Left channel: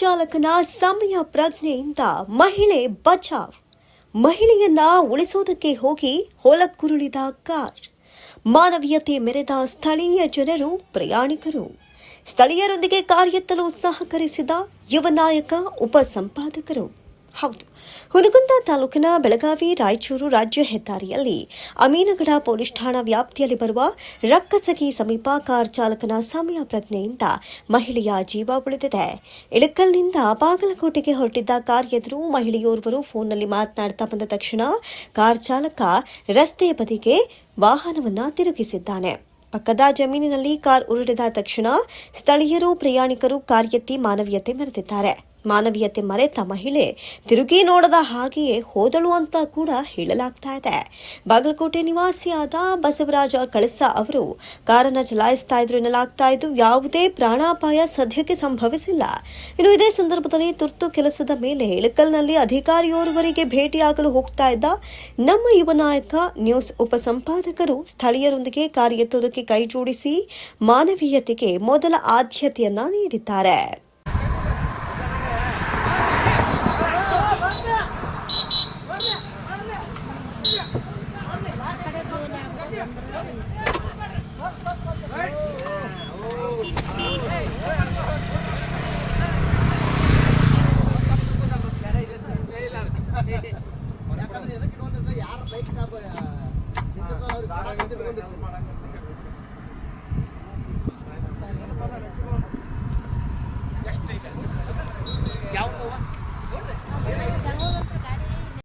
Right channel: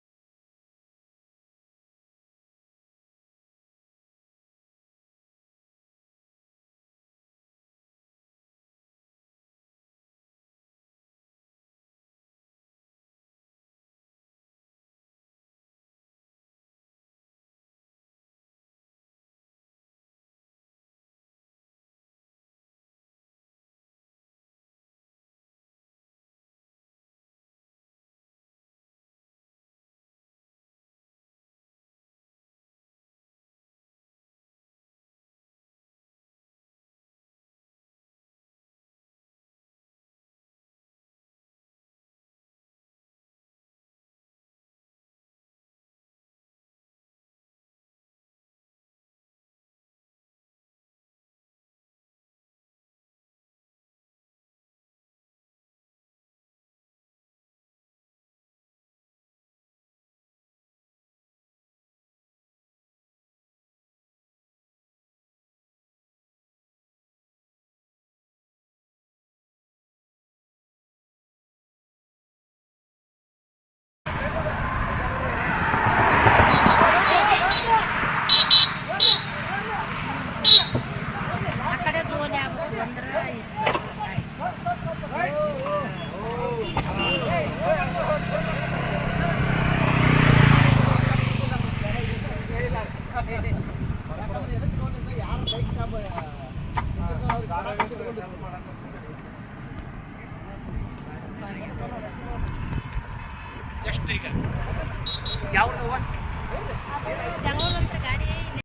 ಚಾಲಕನ ಸಮಯ ಪ್ರಜ್ಞೆಯಿಂದ ಮಹಿಳೆ ಬಚಾವ್. ಮಹಿಳೆಯನ್ನ ಉಳಿಸೋದಕ್ಕೆ ಹೋಗಿ ಹೊಲಕ್ಕುರುಳಿದ ಕಾರ್. ಮಾನವೀಯತೆ ಮೆರೆದ ಸ್ಥಳೀಯ ಜನರು, ಪ್ರಯಾಣಿಕರು. ಸ್ಥಳೀಯರೊಂದಿಗೆ ಕಾರ್ ಎತ್ತಲು ಸಹಕರಿಸಿದ ಯುವ ನಾಯಕ, ಉಪಸಂಪಾದಕರು. ಹೌದು, ಹುನಗುಂದ ತಾಲೂಕಿನ ಬೆಳಗಾವಿ ರಾಯಚೂರು ರಾಜ್ಯ ಹೆದ್ದಾರಿಯಲ್ಲಿ ಅಮೀನಗಡ ಪೊಲೀಸ್ ಠಾಣಾ ವ್ಯಾಪ್ತಿಯಲ್ಲಿ ಬರುವ ರಕ್ಕಸಗಿ ಸಮೀಪ ಕಾರ್ ಚಾಲಕನ ಸಮಯ ಪ್ರಜ್ಞೆಯಿಂದ ಮಹಿಳೆಯ ಜೀವ ಉಳಿದಿದೆ. ಇಳಕಲ್ನಿಂದ ಬಾಗಲಕೋಟೆಗೆ ಹೊರಟಿದ್ದ ಕಾರ್ ಎದುರು ಮಹಿಳೆಯೋರ್ವರು ಫೋನ್ನಲ್ಲಿ ಮಾತನಾಡ್ತಾ ಬಂದ ತಕ್ಷಣ ಕಾರ್ ಚಾಲಕ ರಸ್ತೆಯ ಬದಿಗೆ ವಾಹನವನ್ನ ತಿರುಗಿಸಿದ್ದಾನೆ. ಪಕ್ಕದ ಜಮೀನಿನಲ್ಲಿ ಕಾರ್ ಉರುಳಿದ ತಕ್ಷಣ ಸ್ಥಳೀಯರು, ಪ್ರಯಾಣಿಕರು ಕಾರ್ ಎತ್ತಿ ಮಾನವೀಯತೆ ಮೆರೆದಿದ್ದಾರೆ. ಮಾನವೀಯತೆ ಮರೆತ ಮಹಿಳೆ ತಿರುಗಿ ನೋಡದ ಹಾಗೆಯೇ ಹೋದಳು ಅಂತ ಕೂಡ ಹೇಳಲಾಗ್ತಾ ಇದೆ. ಬಾಗಲಕೋಟೆ ನಿವಾಸಿಯಾದ ಬಸವರಾಜ ಕಳಸ ಅವರು ಕಾರನ್ನು ಚಲಾಯಿಸ್ತಾ ಇದ್ರು ಎನ್ನಲಾಗ್ತಾ ಇದ್ದು, ಯಾವುದೇ ಪ್ರಾಣಾಪಾಯ ಸದ್ಯಕ್ಕೆ ಸಂಭವಿಸಿಲ್ಲ. ಇನ್ನು ಇದೇ ಸಂದರ್ಭದಲ್ಲಿ ತುರ್ತು ಕೆಲಸದ ಮೇಲೆ ಇಳಕಲ್ನಲ್ಲಿ ಅಧಿಕಾರಿಯೋರ್ವರಿಗೆ ಭೇಟಿಯಾಗಲು ಹೋಗ್ತಾ ಇದ್ದ ನಮ್ಮ ಯುವ ನಾಯಕ, ನ್ಯೂಸ್ ಉಪಸಂಪಾದಕರು ಸ್ಥಳೀಯರೊಂದಿಗೆ ಕಾರ್ ಎತ್ತುವುದಕ್ಕೆ ಕೈ ಜೋಡಿಸಿ ಮಾನವೀಯತೆಗೆ ಮೊದಲ ಆದ್ಯತೆಯನ್ನ ನೀಡಿದ್ದಾರೆ. ಯಾವ